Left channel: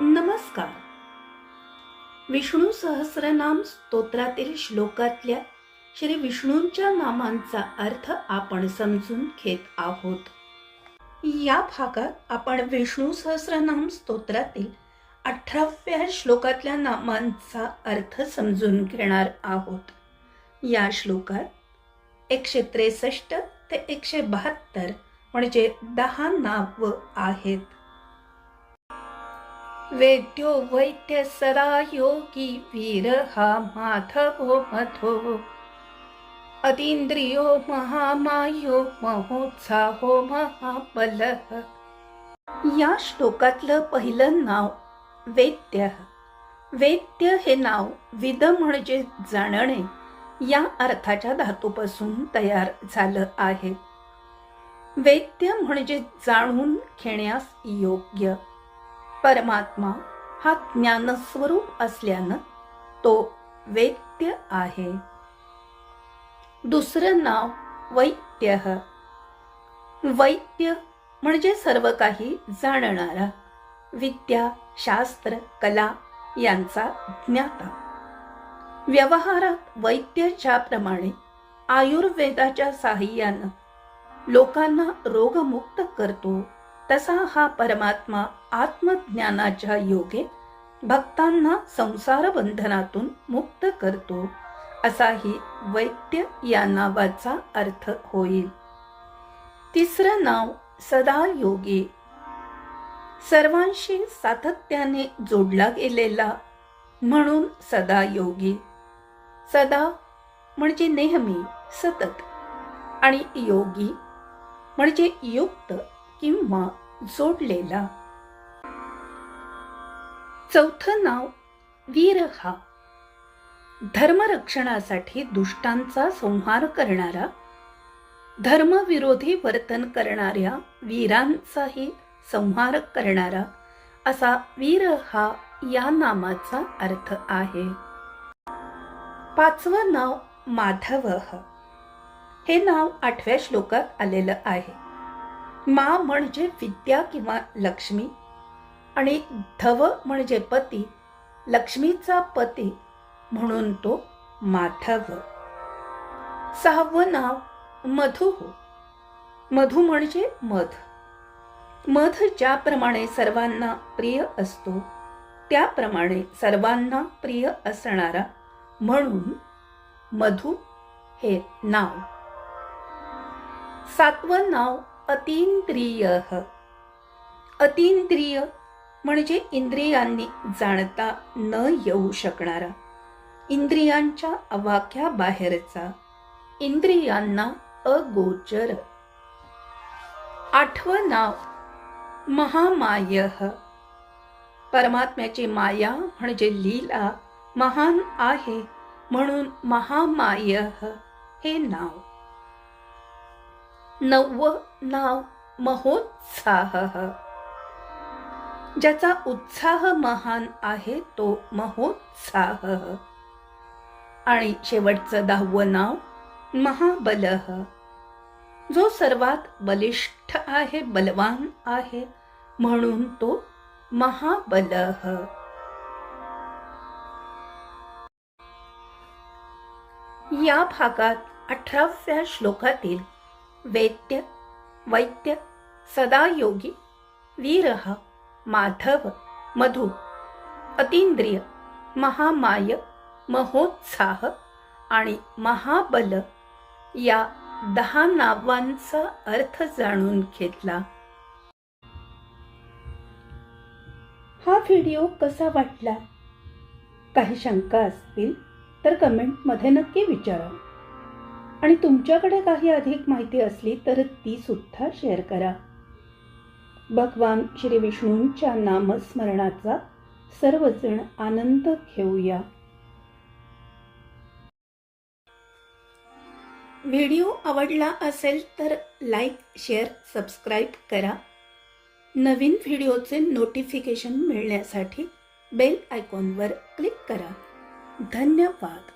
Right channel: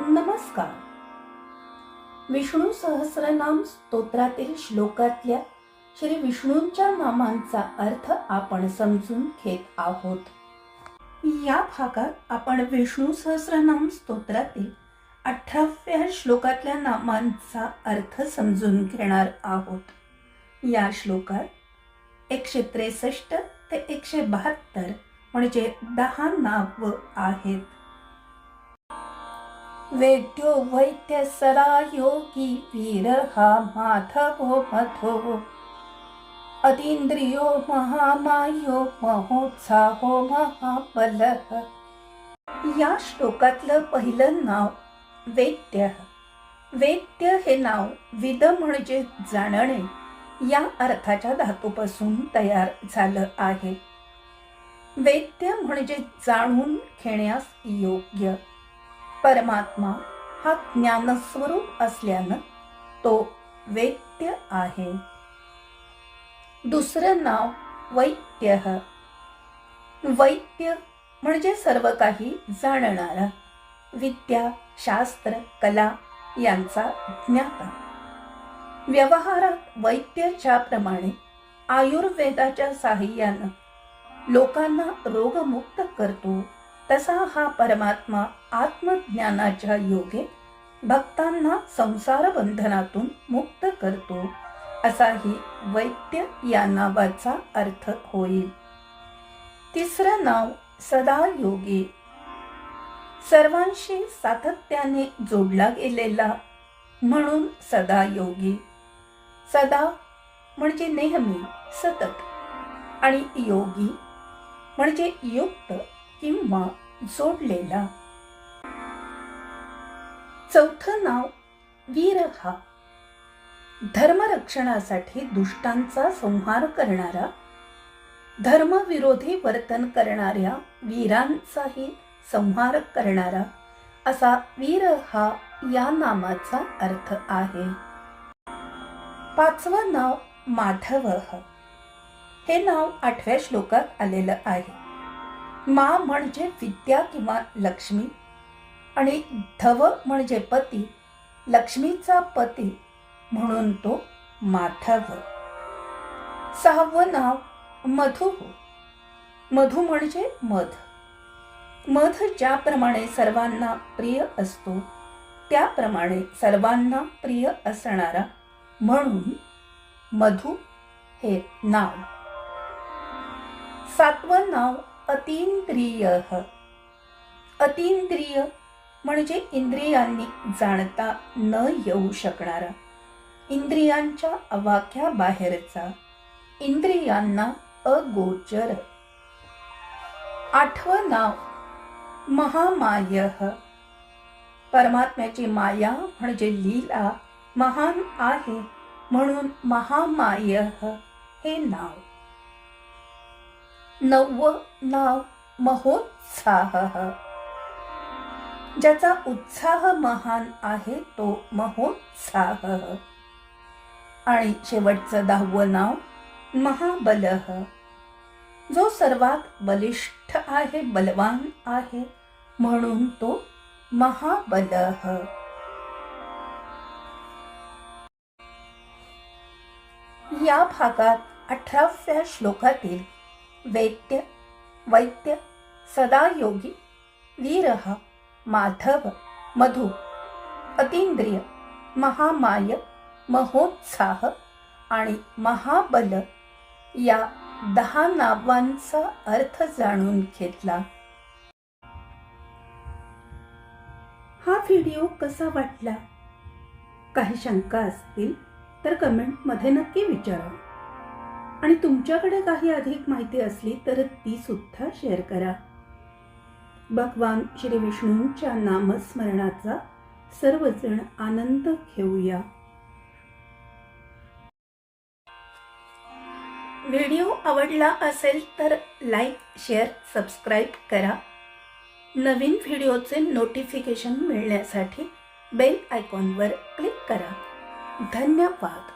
नमस्कार. विष्णू सहस्रनाम स्तोत्रातील श्लोकातल्या श्री विष्णूंच्या नामांचा अर्थ आपण समजून घेत आहोत. या भागात आपण विष्णू सहस्रनाम स्तोत्रातील अठराव्या श्लोकातल्या नामांचा अर्थ समजून घेणार आहोत. या श्लोकात एकशे त्रेसष्ट ते एकशे बहात्तर म्हणजे दहा नाव आहेत. वेद्यो वैद्य सदा योगी वीर हा माधवो मधो। अतींद्रियो महामायो महोत्साहो महाबल। या श्लोकातलं पहिलं नाव वेद्य। वेद्य हे नाव विद म्हणजे जाणणे या अर्थाच्या धातूपासून तयार झालं आहे. वेद्य म्हणजे जाणून घेण्यास योग्य परमात्मा हा ज्ञानस्वरूप असल्यानं तो वैद्य आहे. दुसरं नाव वैद्य वैद्य म्हणजे सर्व काही जाणणारा विद्या शास्त्र कला यांचा ज्ञाता. व्यवहारात वैद्य ज्याप्रमाणे आयुर्वेदाच्या साह्यानं लोकांना रोगमुक्त करतो. तसा हा परमात्मा आत्मज्ञानाच्या योगे भक्तांना संसार बंधनातून मुक्त करतो असाही वैद्य या नावाचा अर्थ होईल. तिसरं नाव सदा योगी सर्वांशी सातत्याने जोडला गेलेला म्हणून सदा योगी सदा म्हणजे नेहमी सतत. आणि योगी म्हणजे युक्त किंवा जोडलेला. चौथं नाव वीर हा धर्मरक्षणासाठी दुष्टांचा संहार करणारा धर्मविरोधी वर्तन करणाऱ्या वीरांचाही संहार करणारा असा वीर हा या नामाचा अर्थ आहे. पाचवं नाव माधव. हे नाव आठव्या श्लोकात आलेलं आहे. मा म्हणजे विद्या किंवा लक्ष्मी आणि धव म्हणजे पती लक्ष्मीचा पती म्हणून तो माधव. सहावं नाव मधु. मधु म्हणजे मध. मध ज्याप्रमाणे सर्वांना प्रिय असतो त्याप्रमाणे सर्वांना प्रिय असणारा म्हणून मधु हे नाव. सातवं नाव अतींद्रिय. अतींद्रिय म्हणजे इंद्रियांनी जाणता न येऊ शकणारा. इंद्रियांच्या अवाख्या बाहेरचा इंद्रियांना अगोचर. आठवं नाव महामाय. परमात्म्याची माया म्हणजे लीला महान आहे म्हणून महामाय हे नाव. नव नाव महोत्साह ज्याचा उत्साह महान आहे तो महोत्साह. आणि शेवटचं दहावं नाव महाबल. जो सर्वात बलिष्ठ आहे बलवान आहे म्हणून तो महाबल. या भागात अठराव्या श्लोकातील वेद्य वैद्य सदायोगी वीरह माधव मधु अतींद्रिय महामाय महोत्साह आणि महाबल या दहा नावांचा अर्थ जाणून घेतला. हा व्हिडिओ कसा वाटला? काही शंका असतील तर कमेंटमध्ये नक्की विचारा. आणि तुमच्याकडे काही अधिक माहिती असली तर ती सुद्धा शेअर करा. भगवान श्री विष्णूंच्या नामस्मरणाचा सर्वजण आनंद घेऊया. व्हिडिओ आवडला असेल तर लाईक शेअर सबस्क्राईब करा. नवीन व्हिडिओचे नोटिफिकेशन मिळण्यासाठी बेल आयकॉनवर क्लिक करा. धन्यवाद.